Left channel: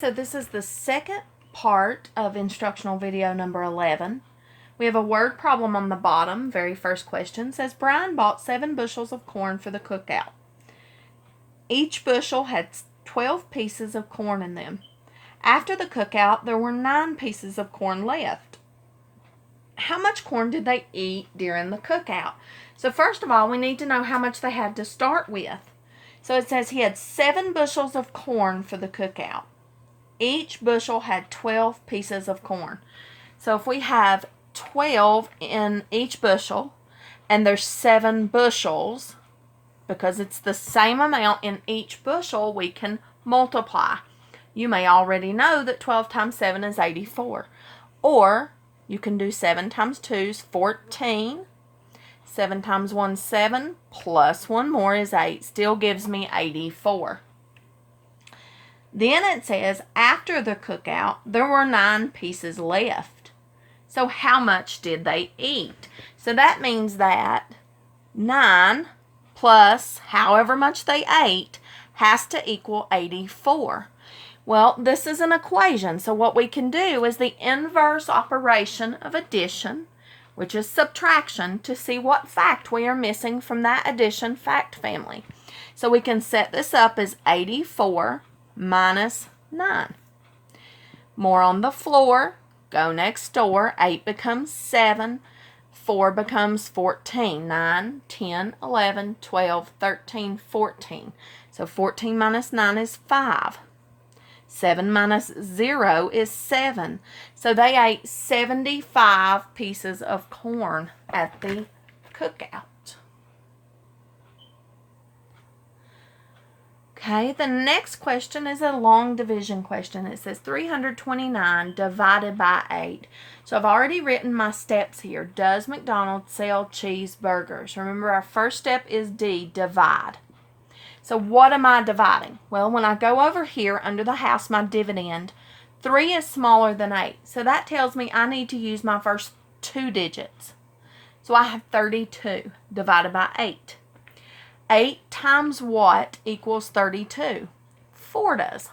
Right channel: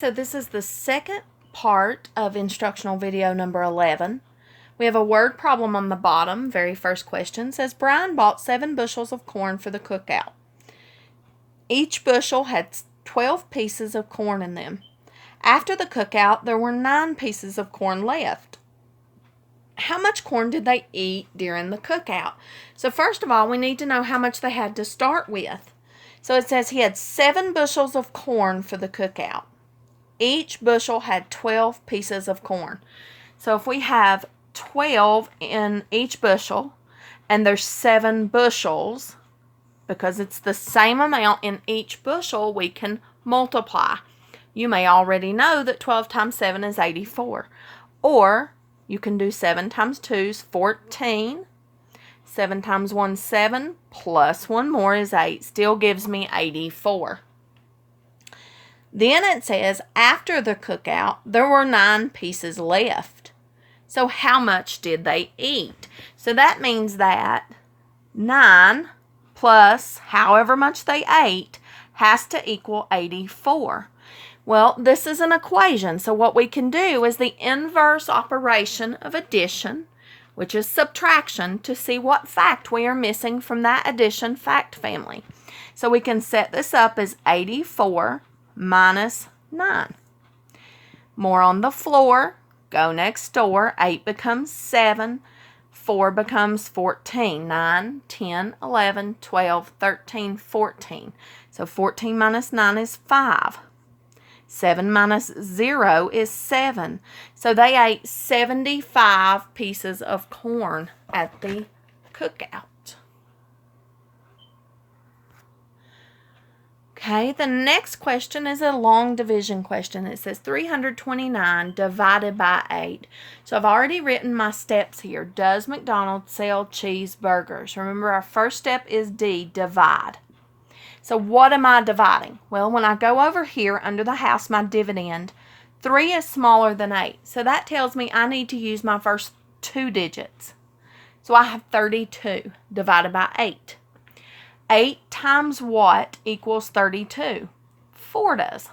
So this is the second part of instructional video number 11. We have a word problem on the bottom. Very first question says, Brian bought 7 bushels of corn for the cookout. Each bushel had 12 pieces of corn in them. After the cookout, there were 9 pieces of corn left. How much corn did they eat during the cookout? So first of all, we need to know how much they had to start with. So it says he had 7 bushels of corn for the cookout. Each bushel had 12 pieces of corn. So if we have 12 in each bushel, and there's 7 bushels, because it's the same amount in each bushel, we can multiply. You may already know that 12 times 7 is 84. Or you can do 7 times 2 is 14. 7 times 1 is 7, plus 1 more is 8. Still gives me 84. Then it says, after the cookout, there were 9 pieces left. So how much did they eat? So that means that 9 plus however much they ate has to equal 84. Well, this is an equation. So what we can do is the inverse operation of addition, which is subtraction, to see what fact we are missing from that addition fact family. So we can set this up as 84 minus 9. More on the floor. Go next door. 8 becomes 7. 4 becomes 14. 9, 10, 11, 12, 13, 14. So 14 minus 9 is 5. 7 minus 0 is 7. So they ate 75 pieces of corn at the cookout. Okay, the next question is a long division question. It says 329 divided by 8. So I've already written my steps here. Does McDonald's sell cheeseburgers? Remember, our first step is D, divide. So what am I dividing? Well, when I go over here under the house, my dividend, 3 is smaller than 8. So that tells me I need to use my first 2 digits. So I have 32 divided by 8. 8 times what equals 32? 4 does.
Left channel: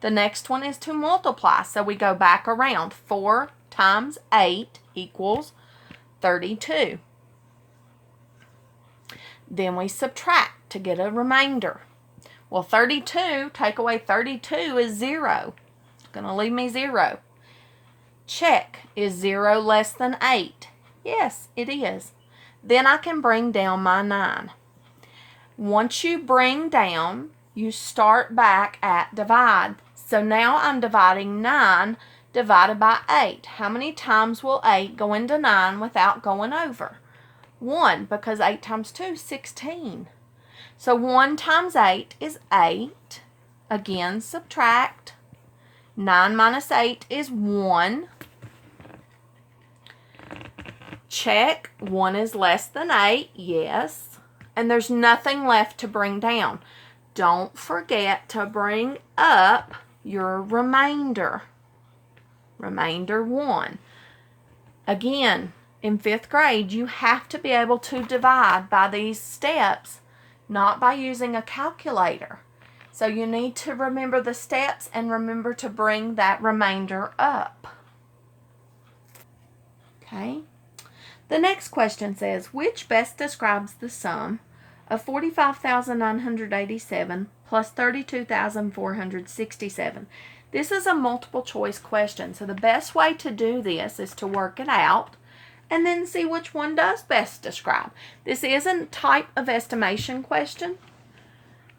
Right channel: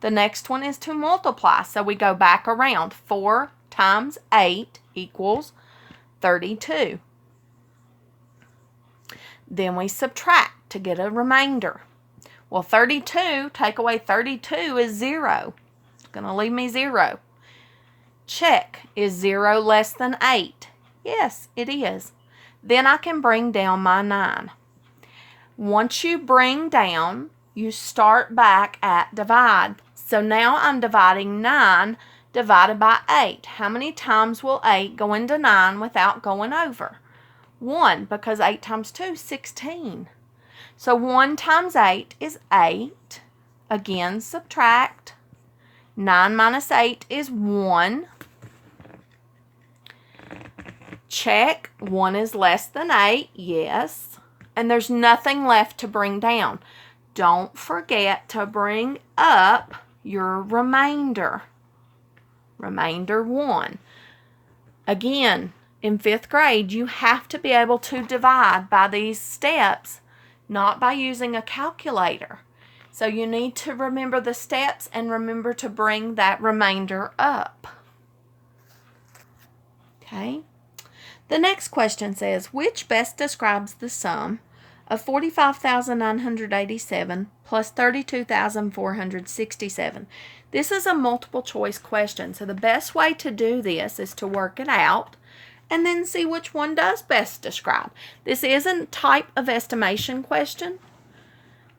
The next one is to multiply. So we go back around. 4 times 8 equals 32. Then we subtract to get a remainder. Well, 32, take away 32 is 0. It's going to leave me 0. Check. Is 0 less than 8? Yes, it is. Then I can bring down my 9. Once you bring down, you start back at divide. So now I'm dividing 9 divided by 8. How many times will 8 go into 9 without going over? 1, because 8 times 2 is 16. So 1 times 8 is 8. Again, subtract. 9 minus 8 is 1. Check. 1 is less than 8. Yes. And there's nothing left to bring down. Don't forget to bring up your remainder. Remainder 1. Again, in 5th grade, you have to be able to divide by these steps, not by using a calculator. So you need to remember the steps and remember to bring that remainder up. Okay. The next question says, which best describes the sum of 45,987 plus 32,467? This is a multiple choice question, so the best way to do this is to work it out and then see which one does best describe. This isn't type of estimation question,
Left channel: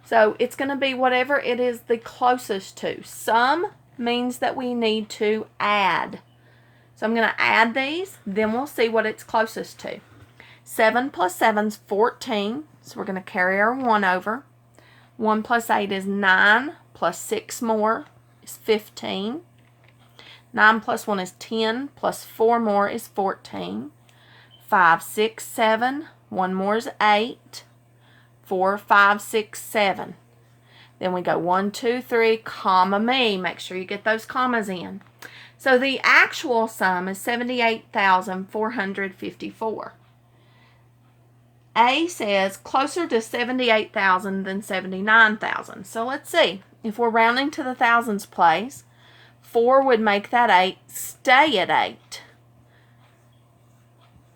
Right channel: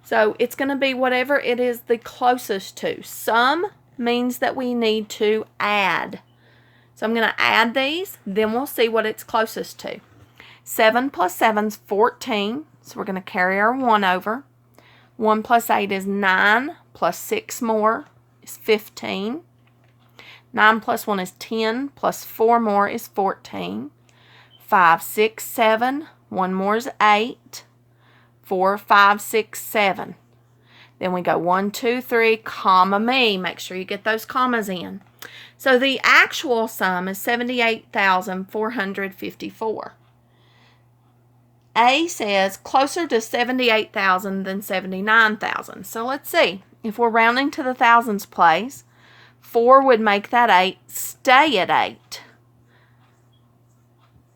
so it's going to be whatever it is the closest to. Sum means that we need to add. So I'm going to add these, then we'll see what it's closest to. 7 plus 7 is 14, so we're going to carry our 1 over. 1 plus 8 is 9, plus 6 more is 15. 9 plus 1 is 10, plus 4 more is 14. 5, 6, 7, 1 more is 8. 4, 5, 6, 7. Then we go 1, 2, 3, comma me. Make sure you get those commas in. So the actual sum is 78,454. A says closer to 78,000 than 79,000. So let's see. If we're rounding to the thousands place, 4 would make that 8 stay at 8.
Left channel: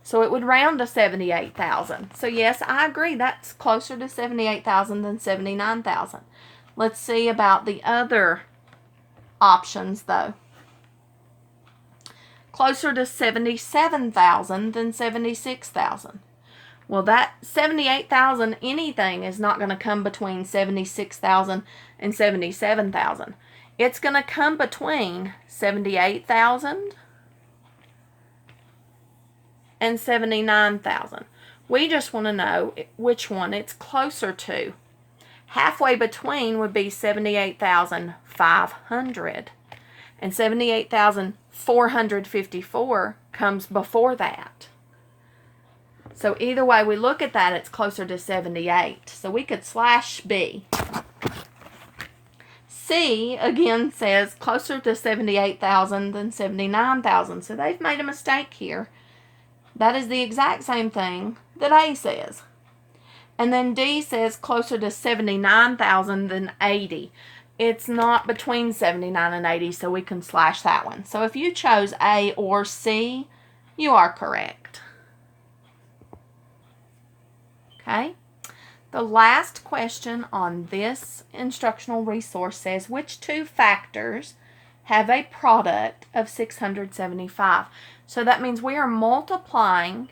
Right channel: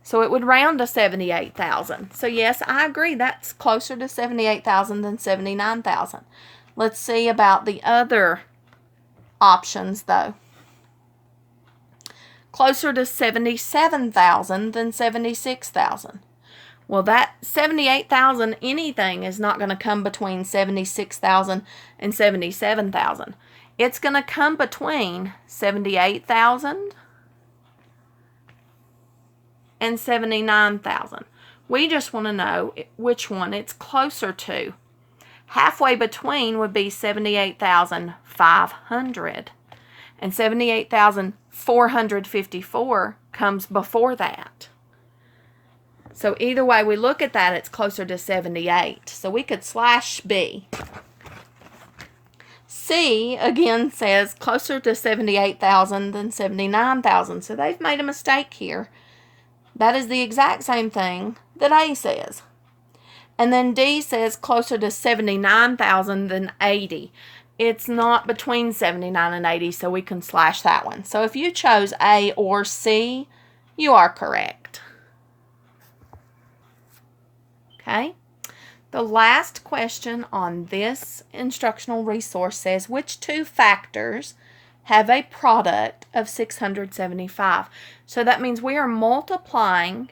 So it would round to 78,000. So yes, I agree. That's closer to 78,000 than 79,000. Let's see about the other options though. Closer to 77,000 than 76,000. Well, that 78,000 anything is not going to come between 76,000 and 77,000. It's going to come between 78,000 and 79,000. We just want to know which one it's closer to. Halfway between would be 78,500, and 78,454 comes before that. So either way we look at that, it's closer to 78. So we could slash B. C, again, says closer to 78,000 than 79,000. So they've made a mistake here. That is the exact same thing that A says. And then D says closer to 79,000 than 80. It's not between 79 and 80, so we can slash that one. So if you chose A or C, you are correct. Okay. The last question on this instructional resource says, which two factors have a product of 675? So that means we are multiplying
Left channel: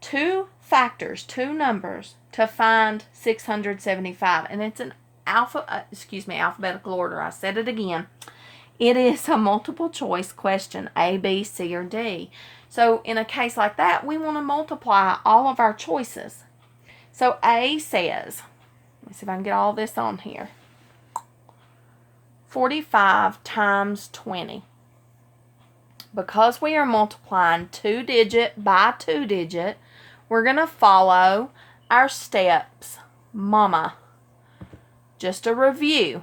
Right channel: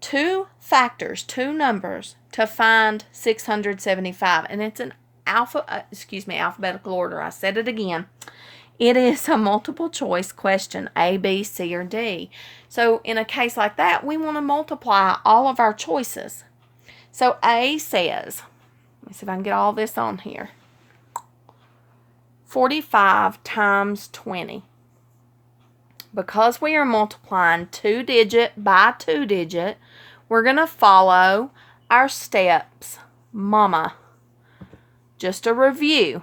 two factors, two numbers, to find 675. And it's an alphabetical order. I said it again. It is a multiple choice question, A, B, C, or D. So in a case like that, we want to multiply all of our choices. So A says, let me see if I can get all this on here, 45 times 20. Because we are multiplying 2-digit by 2-digit, we're going to follow our steps. Mama. Just a review.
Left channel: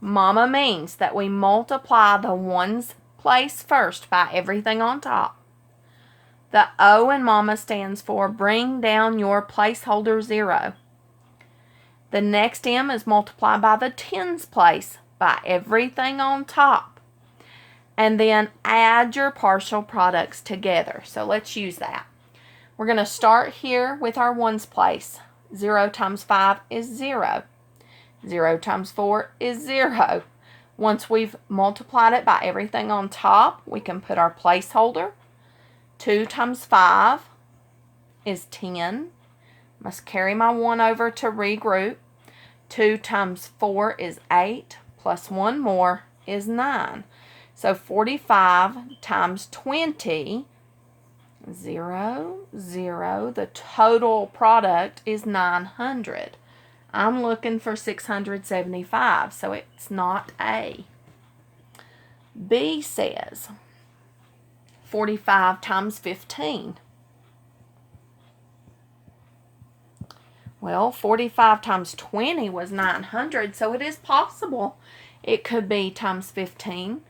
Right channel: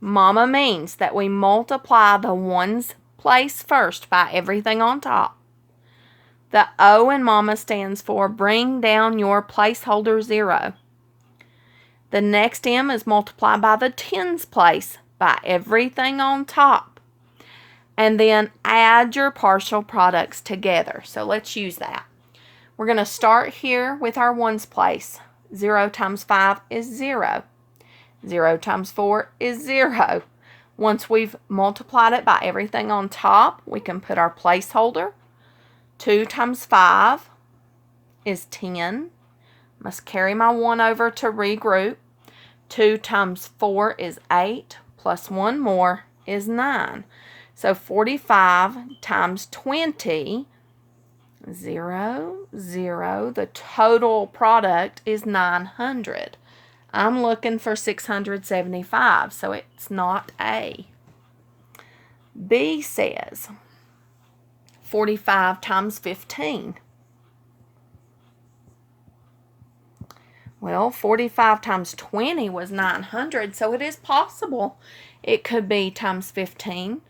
Mama means that we multiply the ones place first by everything on top. The O in Mama stands for bring down your placeholder 0. The next M is multiply by the tens place by everything on top. And then add your partial products together. So let's use that. We're going to start here with our ones place. 0 times 5 is 0. 0 times 4 is 0. Once we've multiplied it by everything on top, we can put our placeholder. 2 times 5 is 10. Must carry my 1 over to regroup. 2 times 4 is 8, plus 1 more is 9. So 45 times 20, 0, 0. The total product is 900. I'm looking for 675, so it's not A. B says 45 times 15. Well, 45 times 20 was 900, so it is possible it could be times 15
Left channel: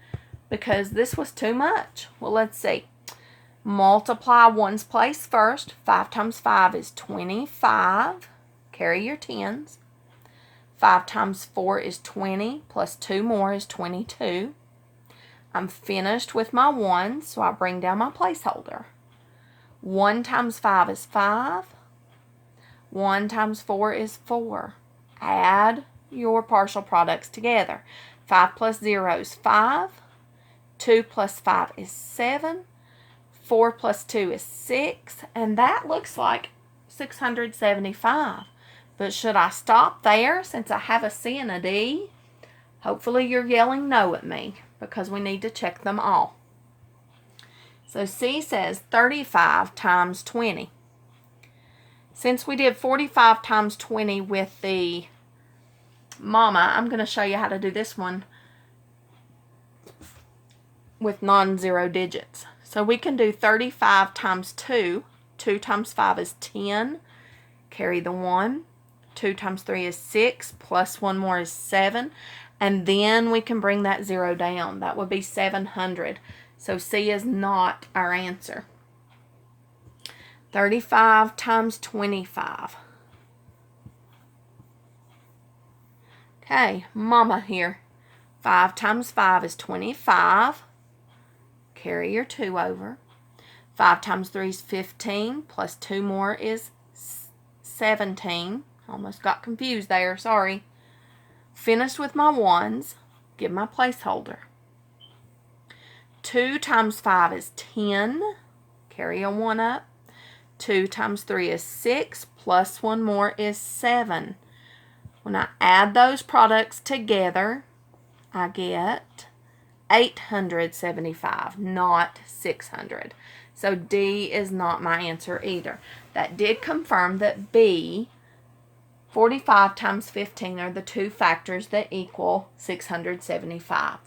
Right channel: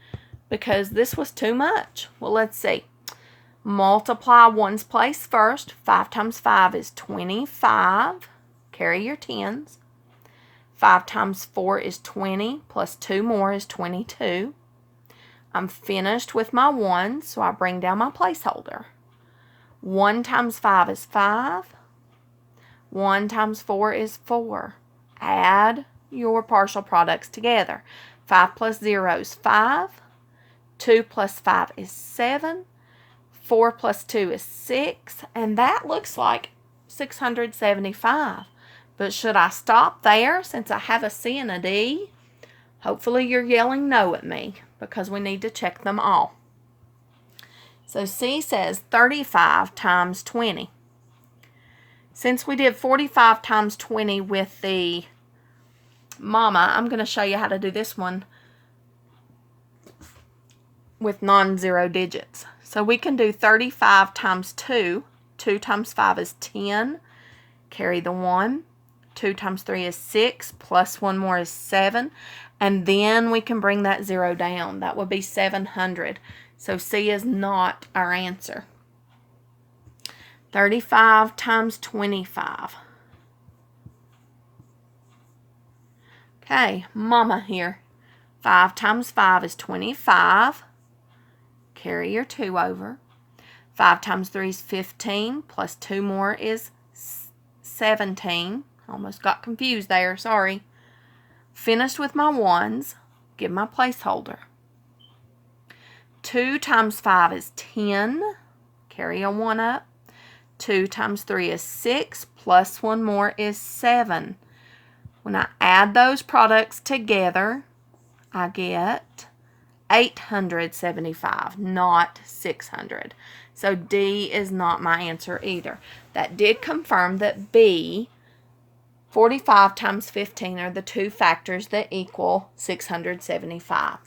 because this was too much. Well, let's see. Multiply ones place first. 5 times 5 is 25. Carry your tens. 5 times 4 is 20, plus 2 more is 22. I'm finished with my ones, so I bring down my placeholder. 1 times 5 is 5. 1 times 4 is 4. Add your partial products together. 5 plus 0 is 5. 2 plus 5 is 7. 4 plus 2 is 6. And that looks like 675. But should I stop there since I have a C and a D? Hopefully you're yelling no at me because we need to check them all. So C says 35 times 20. Since we did 45 times 20 with the Mama, I'm going to show you how to do this one with non-zero digits. So we can do 35 times 2. 2 times 5 is 10. Carry the 1. 2 times 3 is 6. Plus 1 more is 7. And then we can bring that 0 down. That would be 700. So C is not our answer. 35 times 25. Okay, Mama here. 5 times 5 is 25. Carry your 2 over. 5 times 3 is 15, plus 2 more is 17. Almost got confused there, sorry. Finished with my ones. Give my placeholder. 2 times 5 is 10. Carry a 1 up. 2 times 3 is 6, plus 1 more is 7. When I add those products together, I get 875, not 600. So D is not my answer either. That did confirm that B, 45 times 15 are the two factors that equal 675.